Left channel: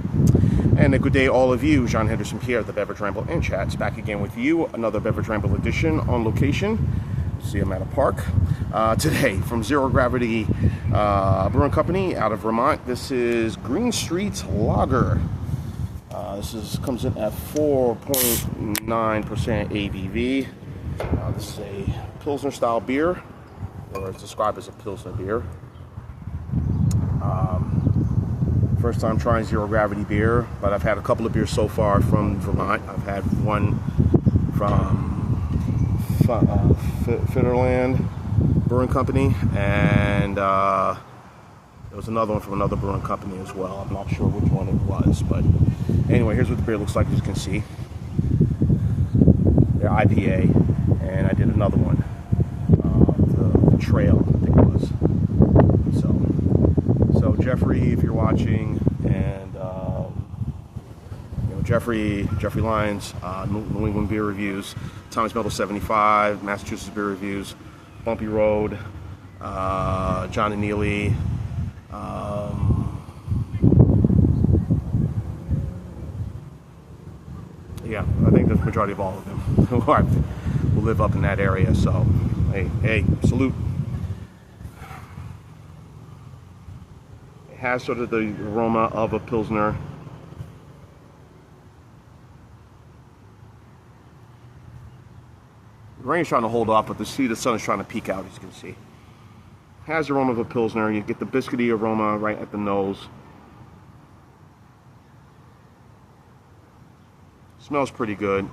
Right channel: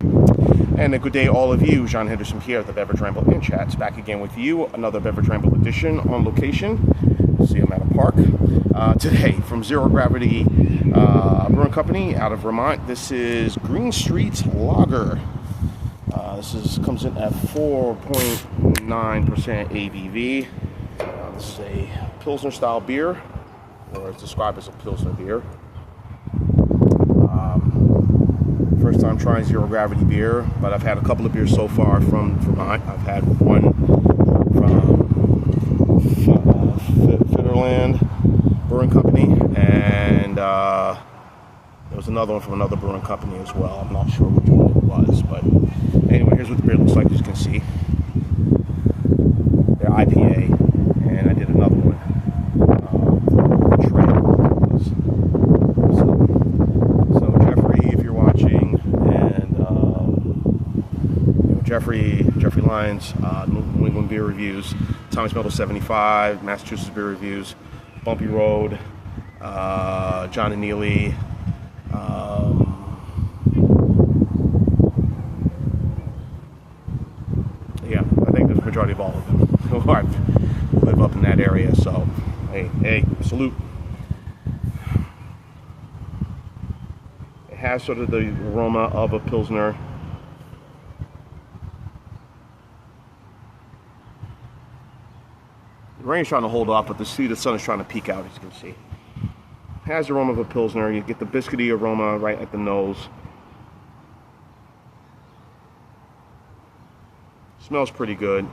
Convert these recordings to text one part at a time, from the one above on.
And a good day, all of you. Jean Henderson here at the Beverage Ramble and Chats. Back again with you, another Beverage Ramble edition on location. See, I'm at a park. Today, from Zero Gravity Brewing Company out of Vermont, this is Green Street Lager. Comes in at 4.9% ABV. This is a Pilsner style beer, or it's described as a Pilsner beer. First time trying Zero Gravity beer, but I've had a couple of beers so far from Vermont. I've had one from Finnerland Brewing Company, and there was another one from another brewing company as well. I'm not sure which one it was, but anyway, here's what the beer looks like, as you can see. They're IPA, and I did another one, the Trail, it was. So Jeffrey, if you're watching, and Jeffrey Lyons, New England Beer Reviews, Thomas Meadow 75, Massachusetts Beer Reviews, Bumpy Road, John and Neely, yeah, I think there's the majority of all of them who live up in that area. So, hey, salute. It has sort of the aroma of a Pilsner. The rain's trying to hold off, but the sun is trying to peek out, as you can see. It has the aroma of a Pilsner. You get the biscuity aroma right at the nose. Smells pretty good.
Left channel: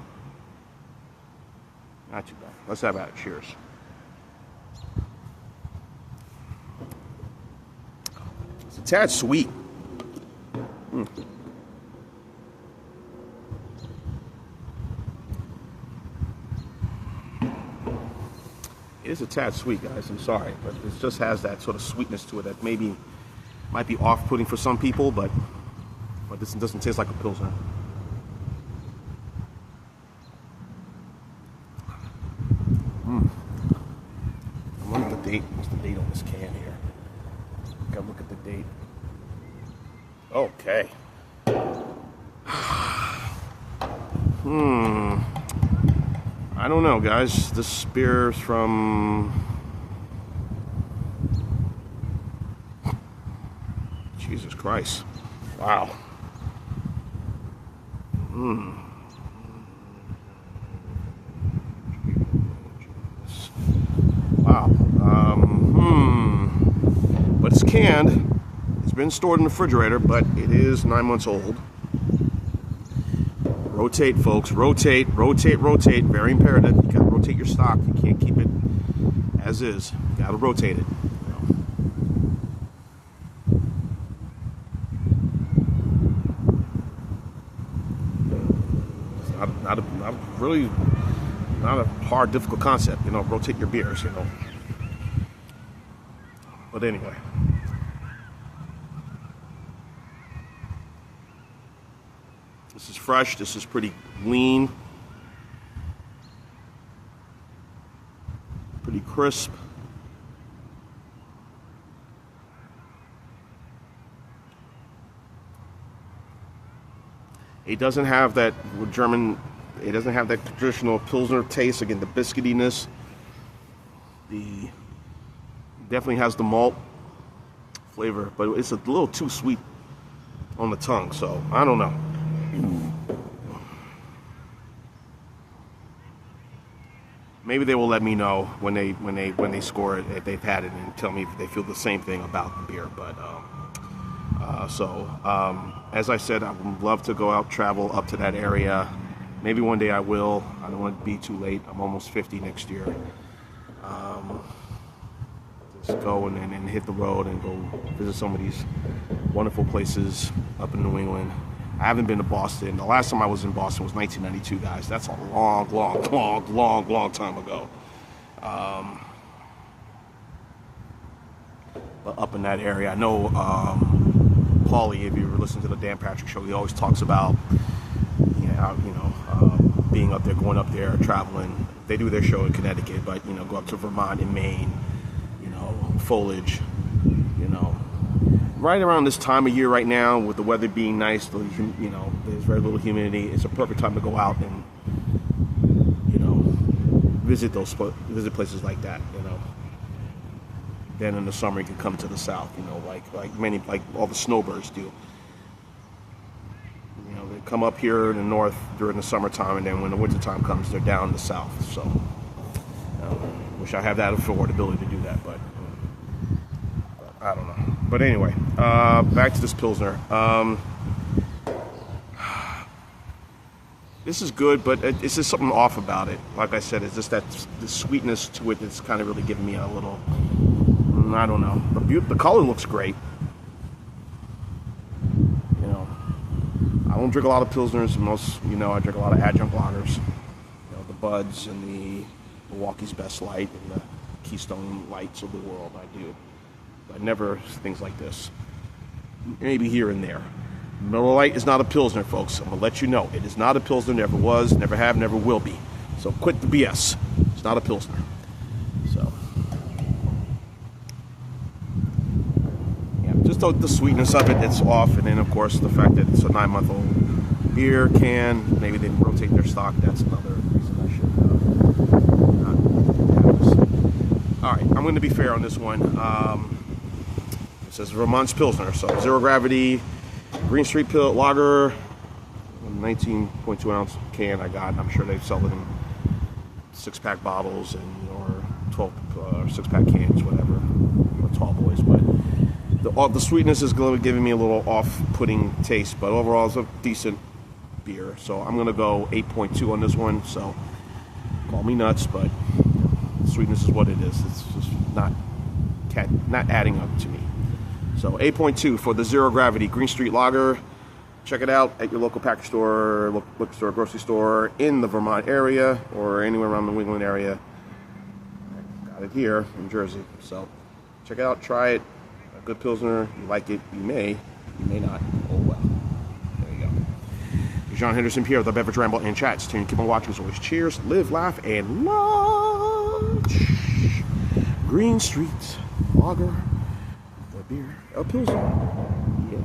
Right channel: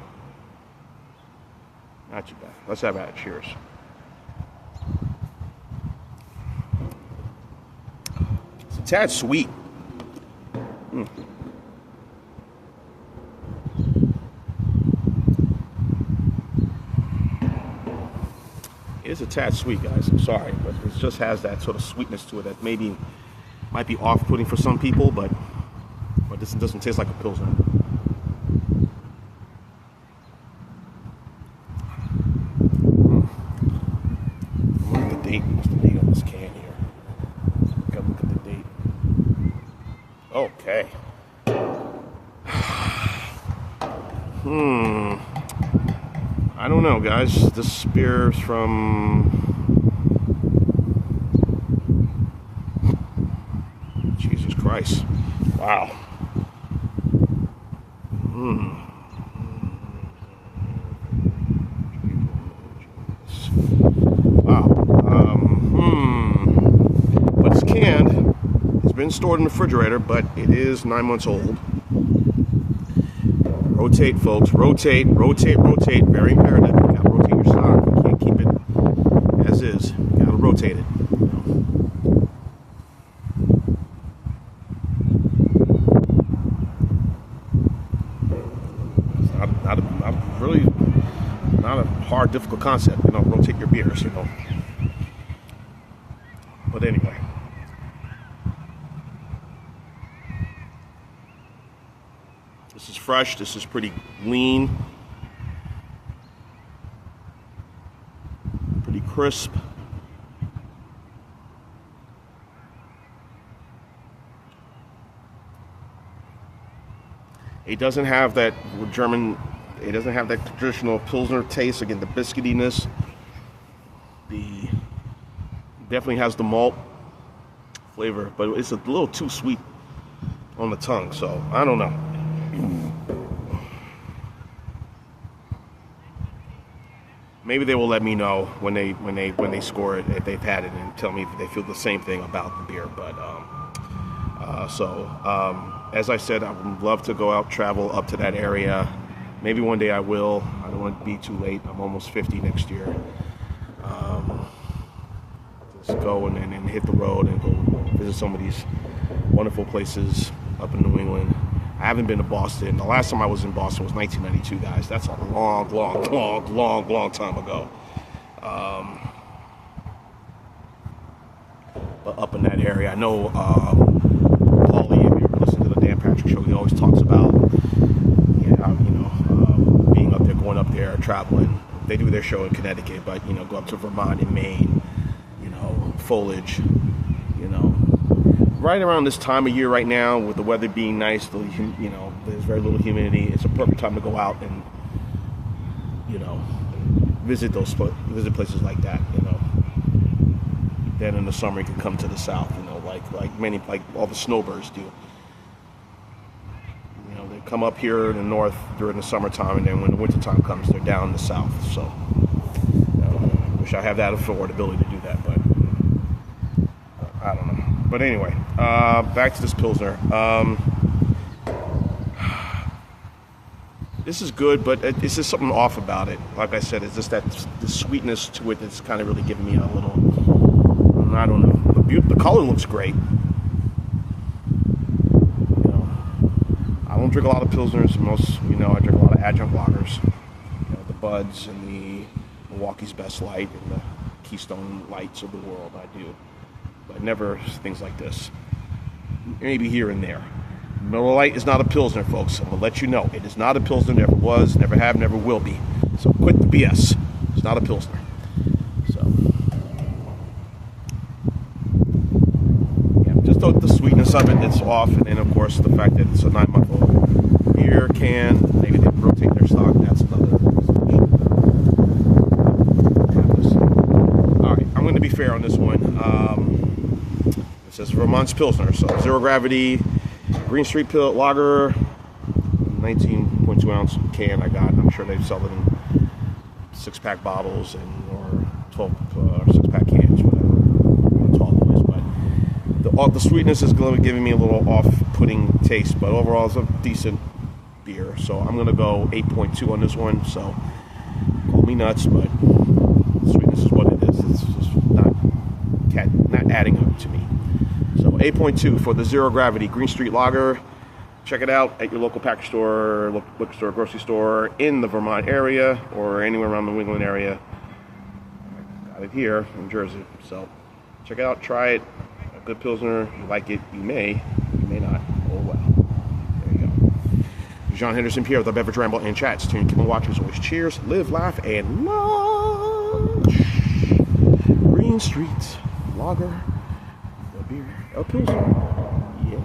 Not too bad. Let's have at it. Cheers. It's a tad sweet. It is a tad sweet, guys. I'm sorry, but it just has that sort of sweetness to it that maybe might be off-putting for some people, but this doesn't taste like a Pilsner. What's the date on this can here? Gotta look at the date. Okay. I don't know, guys. This beer's from... Jesus Christ. Wow. Wow. But it's canned. It's been stored in the refrigerator, but it is 9 months old. Rotate, folks. Rotate. Very imperative. You gotta rotate your stock. You can't keep it as is. You gotta rotate it. It's not a hard, difficult concept. Rotate your beers. But anyway. This is fresh. This is pretty lean. Pretty crisp. It doesn't have that it doesn't have that traditional Pilsner taste. Again, the biscuitiness. Definitely has the malt flavor, but it's a little too sweet on the tongue, so I don't know. Maybe they will let me know when they score it, if they've had it, and tell me if they feel the same thing about the beer. But as I said, I would love to go out, travel up to that area. Maybe one day I will. I don't want to be too late. I'm almost 50 next year. Just go and hit the road and go visit some of these wonderful places up in New England. I haven't been to Boston. The last time I was in Boston was 1992, guys. That's a long time ago. But up in that area, I know Paulie, if you ever listen to the Dan Patrick Show, he always talks about being up there, going up there, traveling. They do their show in Connecticut, but go up to Vermont and Maine, foliage, right around this time of year right now, with the weather being nice, you know, there's very little humidity. It's a perfect time to go out and, you know, visit places like that. You know, then in the summer you can come to the south. You know, like all the snowbirds do. You know, they come up here in the north during the summertime, and then when the wintertime comes, they're down in the south. So, you know, wish I had that affordability to do that, but I don't know. But anyway, back to this Pilsner. This is good, but it's just something off about it. Like I said, it's just that the sweetness to it that's kind of really giving me a little, I don't know. The color looks great. You know, I don't drink a lot of Pilsners. You know, I drink a lot of adjunct lagers. You know, the Buds and the Milwaukee's Best Light and the Keystone Lights of the world. I do. But never things like this. Maybe here and there. Miller Lite is not a Pilsner, folks. I'm going to let you know. It is not a Pilsner. Never was, never have, never will be. So quit the BS. It's not a Pilsner. So, yeah, just the sweetness of it, it's off. And then, of course, the fact that it's a 9-month-old beer can. Maybe they rotate their stock. That's another issue. All right, I'm going to be fair on this one. It says Vermont's Pilsner. So, zero gravity. Green Street Lager, 19.2 ounce can I got. I'm sure they sell it in 6-pack bottles or 12 or 6-pack cans, whatever, or tall boys. But the sweetness is going to be giving me a little off-putting taste. But overall, it's a decent beer. So I'm going to go 8.2 on this one. So call me nuts, but sweetness is what it is. It's just not adding up to me. So 8.2 for the Zero Gravity Green Street Lager. Check it out at your local package store, liquor store, grocery store in the Vermont area or anywhere around the New England area. I got it here in Jersey. So check it out, try it. A good Pilsner. You like it, you may not. Oh well. There you go. John Henderson Pierre with the Beverage Ramble and Chats. Keep on watching as always. Cheers, live, laugh, and lunch. Green Street Lager. Beer, a Pilsner. Yeah.